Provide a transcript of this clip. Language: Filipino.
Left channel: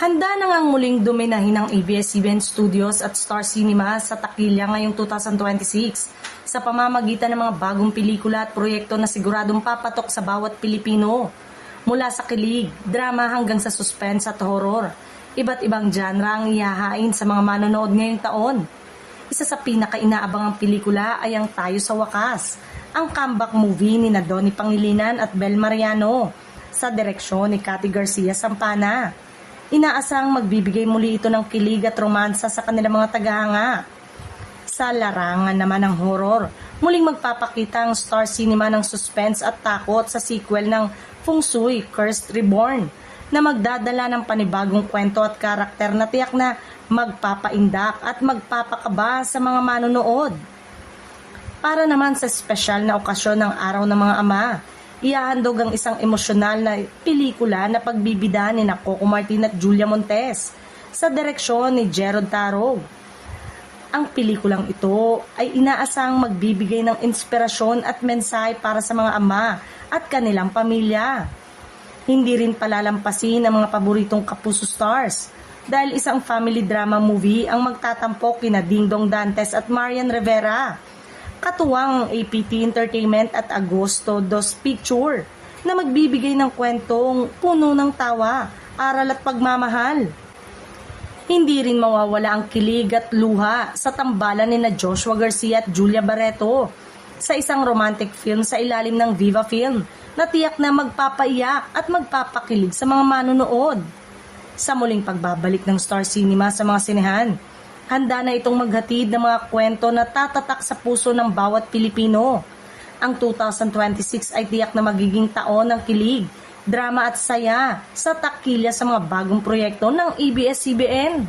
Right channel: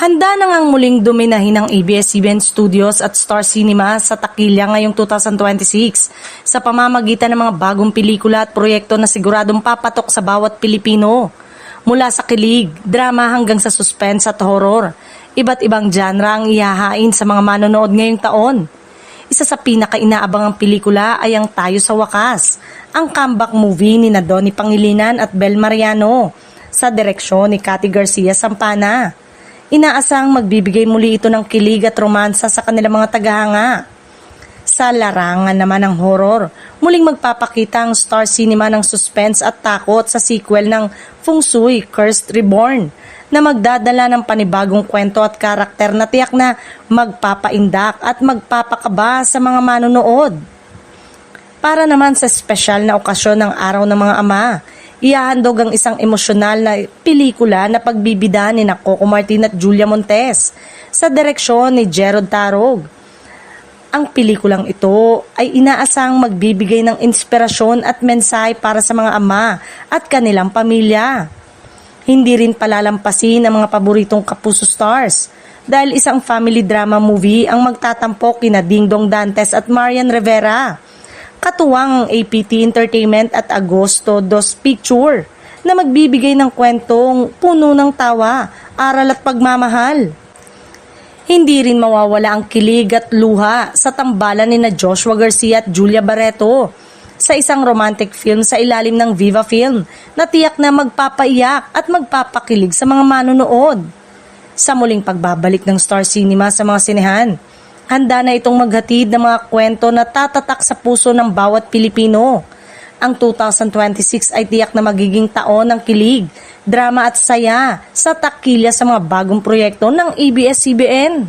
Handa na ngang muling dominahin ng ABS-CBN Studios at Star Cinema sa takilya ngayong 2026 sa pamamagitan ng mga bagong pelikula at proyekto na siguradong papatok sa bawat Pilipino. Mula sa kilig, drama hanggang sa suspense at horror, iba't ibang genre ang ihahain sa mga manonood ngayong taon. Isa sa pinaka-inaabangang pelikula ay ang Tayo sa Wakas, ang comeback movie ni Donnie Pangilinan at Bel Mariano sa direksyon ni Cathy Garcia Sampana. Inaasahang magbibigay muli ito ng kilig at romansa sa kanilang mga tagahanga. Sa larangan naman ng horror, muling magpapakita ang Star Cinema ng suspense at takot sa sequel ng Feng Shui Cursed Reborn na magdadala ng panibagong kwento at karakter na tiyak na magpapaindak at magpapakaba sa mga manonood. Para naman sa espesyal na okasyon ng Araw ng Mga Ama, ihahandog ang isang emosyonal na pelikula na pagbibida ni Coco Martin at Julia Montes sa direksyon ni Gerald Tarog. Ang pelikulang ito ay inaasahang magbibigay ng inspirasyon at mensahe para sa mga ama at kanilang pamilya. Hindi rin palalampasin ang mga paboritong Kapuso stars dahil isang family drama movie ang magtatampok kina Dingdong Dantes at Marian Rivera. Katuwang ang APT Entertainment at Agosto Dos Picture na magbibigay ng kwentong puno ng tawa, aral at pagmamahal. Hindi rin mawawala ang kilig at luha sa tambalan ni Joshua Garcia at Julia Barreto sa isang romantic film sa ilalim ng Viva Film na tiyak na magpapaiyak at magpapakilig sa mga manonood. Sa muling pagbabalik ng Star Cinema sa mga sinehan, handa na itong maghatid ng mga kwento na tatatak sa puso ng bawat Pilipino. Ang 2026 ay tiyak na magiging taon ng kilig, drama at saya sa takilya sa mga bagong proyekto ng ABS-CBN.